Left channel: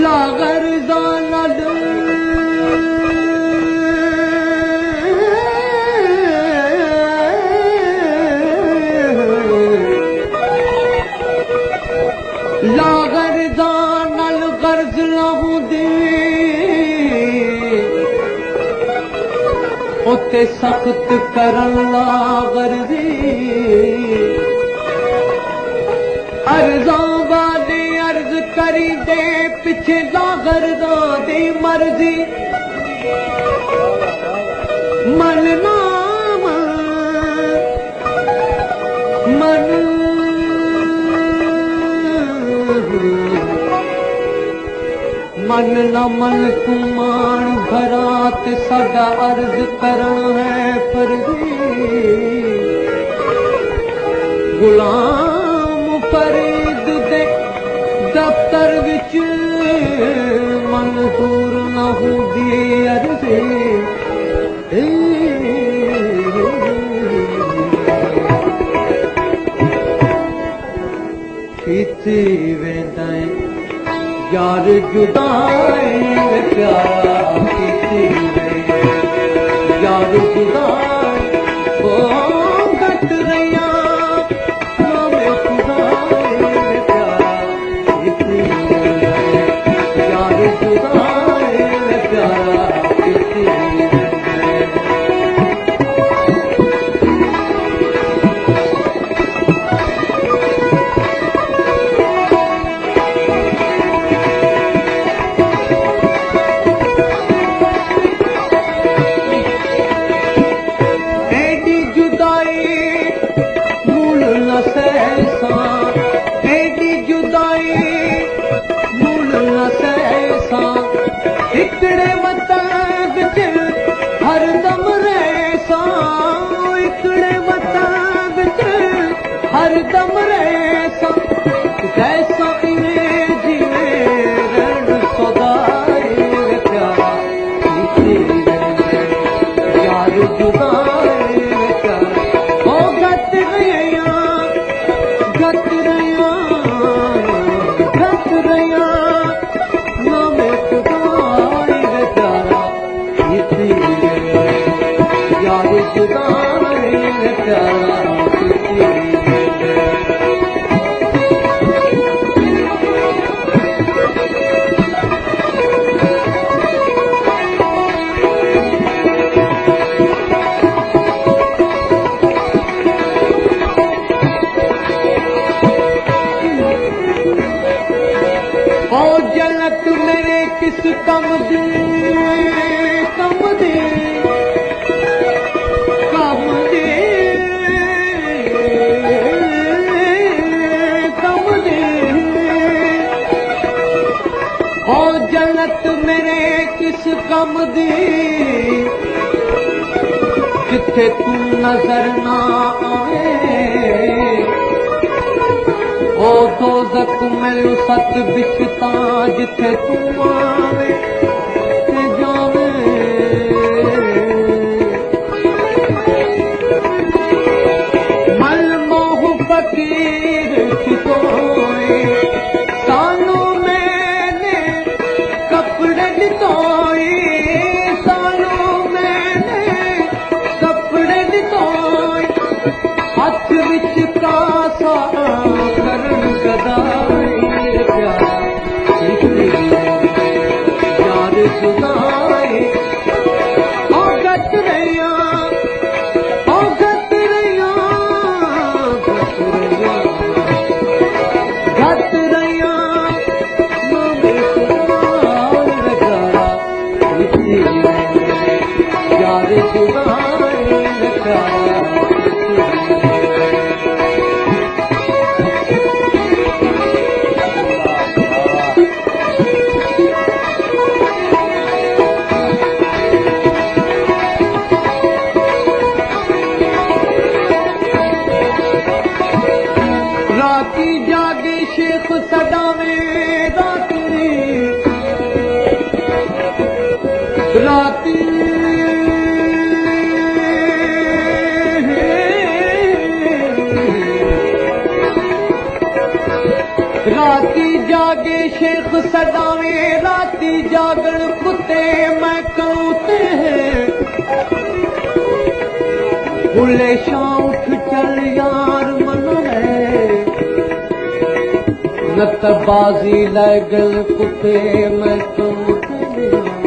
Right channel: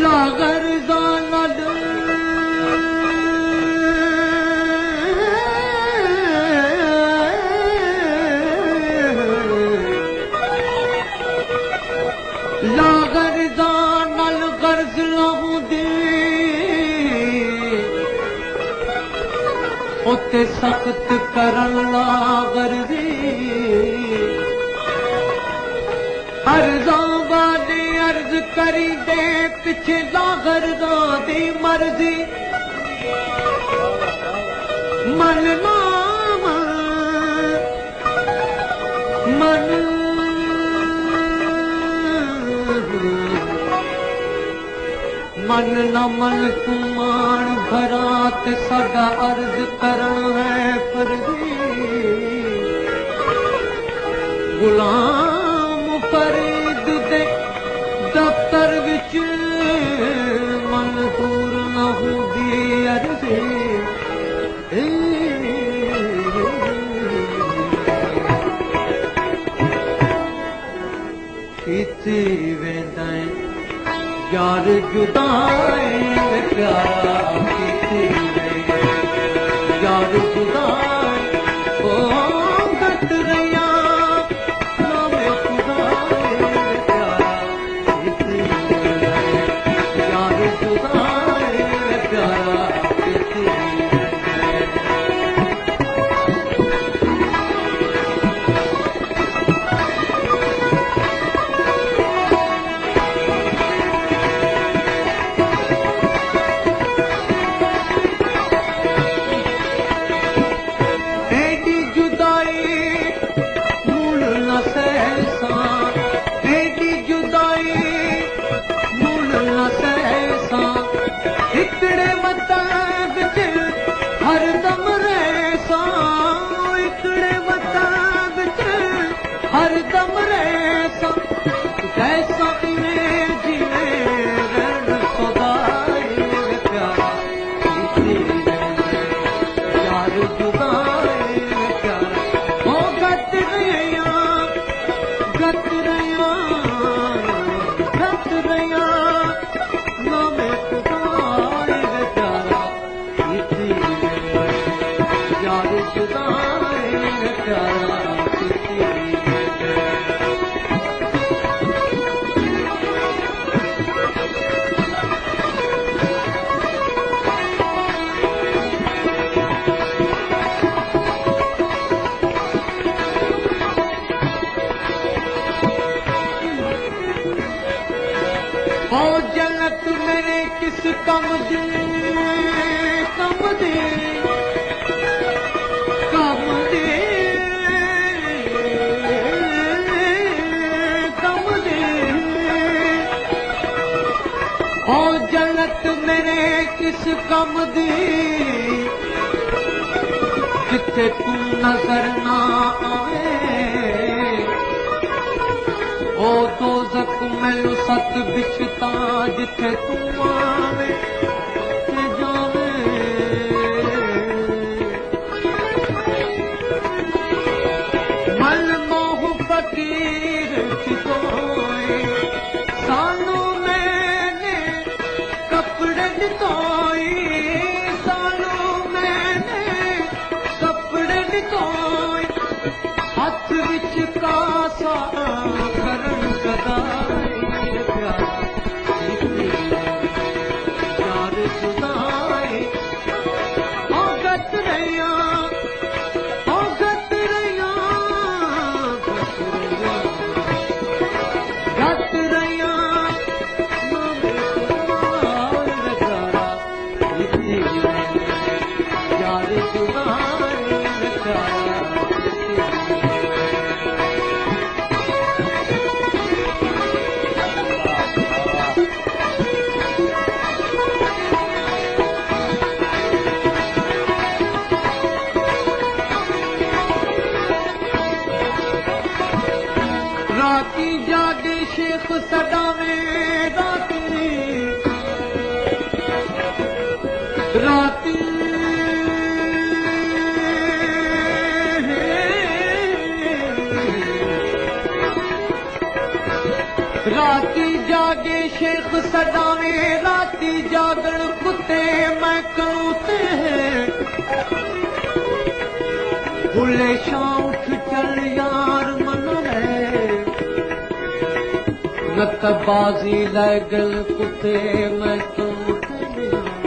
लागर दानद लागर दानल गर्ज लाहू दी उते सख्त करन लागर दी अर्ज़ों वाली अर्ज करी दे पिछे लागर दी मर्जी मन नाम मन मन न मन कुमान भरात सदा अर्ज करन है फर्जी गुलाम फरीद दे दफ्तर विच मंजूर न होगी अर्जी पीती वेंदाए यार जुदाई प्यारा पीती यार जुदाई ओ गत रया नामे खुदाई प्यारा पीती यार जुदाई प्यारा पीती जिथे तू नजर ना आए ओ दोज़ख मैनू सत बिछता जिथे तू आवे ते जावे मल मोह फकीर खिसोए सानू मैंने कपड़े दितोए राती राती जागे शेख सदावे बुलेशा उठ चल यार मन है न त बाजी लगल कुते मैं तुम